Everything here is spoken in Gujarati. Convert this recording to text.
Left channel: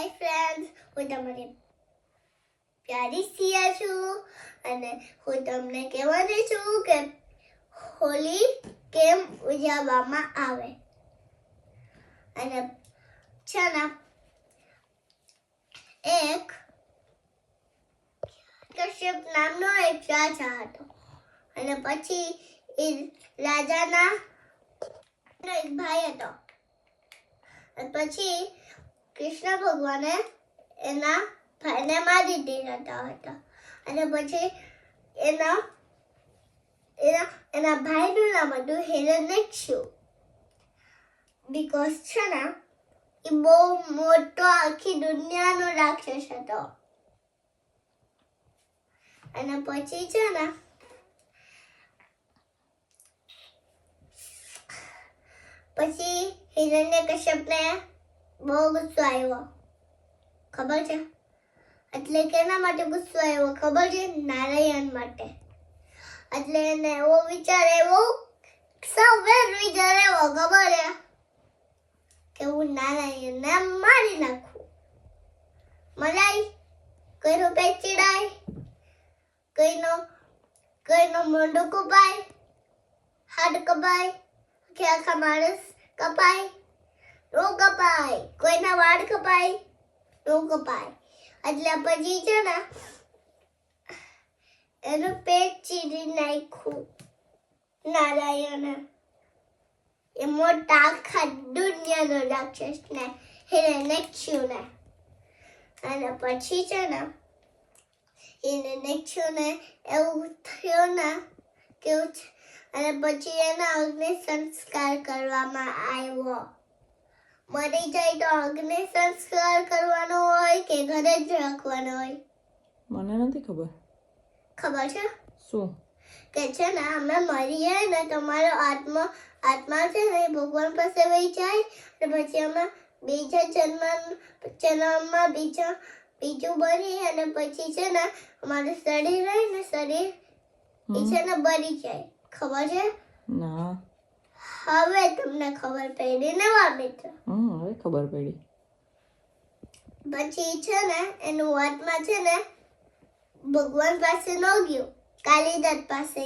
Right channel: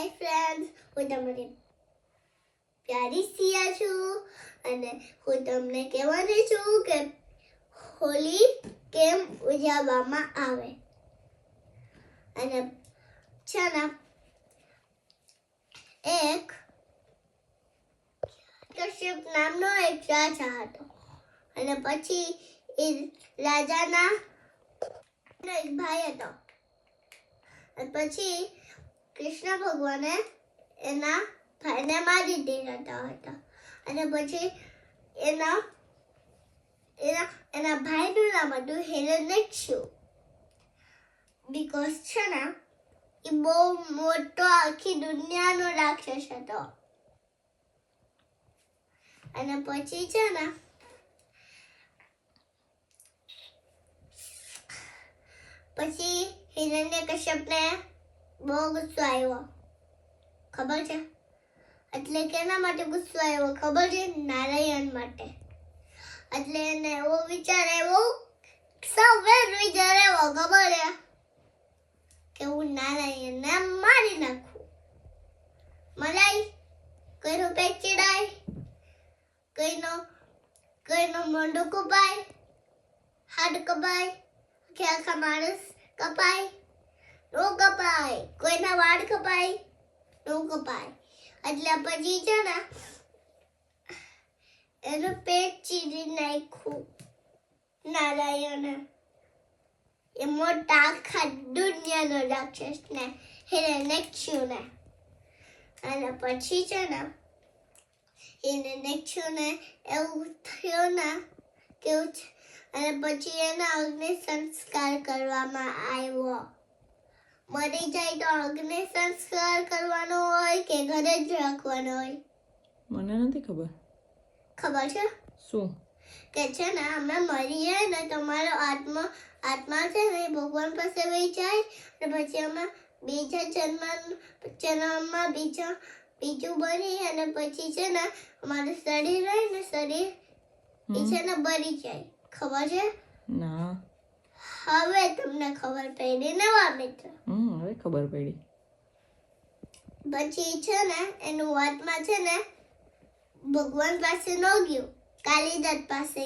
હાય ફ્રેન્ડ્સ, હું તમારી પ્યારી સિયા છું અને હું તમને કહેવાની છું કે હોલી કેમ ઉજવવામાં આવે. અને છે ને એક કશ્યપ નામનો એક રાજા હતો અને પછી એ રાજાના એક ભાઈ હતો અને પછી કૃષ્ણ ભગવાને એના ભાઈને મારી દીધા હતા અને પછી એના ભાઈનું નામ હતું હિરણ્યકશિપુ. બીકોઝ છે ને એ બહુ મોટો આખી દુનિયાનો રાક્ષસ હતો. અને પછી છે ને પછી હિરણ્યકશ્યપને બહુ ગુસ્સો આવ્યો. ખબર છે? એટલે કેના માટે ગુસ્સો આવ્યો ખબર છે? નારાયણ માટે. એટલે એને એવો વિચાર આવ્યો, સવેર વિચાર આવ્યો ખબર છે કે હું નારાયણને મારી નાખું. મલાઈ કોઈનું પેટ ચીડાય, કોઈનો મોઢું કપાય, હાથ કપાય, કે આખા માણસ કપાય, નો કપાય, કોઈના વાળ કપાય, નો કપાય. એટલે પછી છે ને એનું પેટ ચીરી નાખ્યું નારાયણે. એ મોટા આખા દુનિયાનો રાક્ષસ ને હિરણ્યકશ્યપુને. અને પછી છે ને હિરણ્યકશ્યપુને એવું થયું ને કેવું છે. અને પછી એના અગ્નિ સંસ્કાર કરવામાં આવ્યો. મરી જાય તો અગ્નિ સંસ્કાર કરવાનો હોય કે ઘરે જ રાખવાનો હોય? મને નથી ખબર. ખબર છે શું? કે છે ને અમે મરીએ ને તમારો આત્મા છે ને ભગવાન પાસે વહી જાય અને પછી અમે બીજા જન્મમાં બીજું બની અને પછી છે ને અમારું શરીર રહે ને શરીર એ છે ને બળી જાય. ખબર છે? ના. હવે તમને ખબર પડી નવા મિત્ર. હવે ખબર પડી. પછી છે ને એનું આત્મા છે ને ભગવાન પાસે ન ગયું, કાલિદાસ પાસે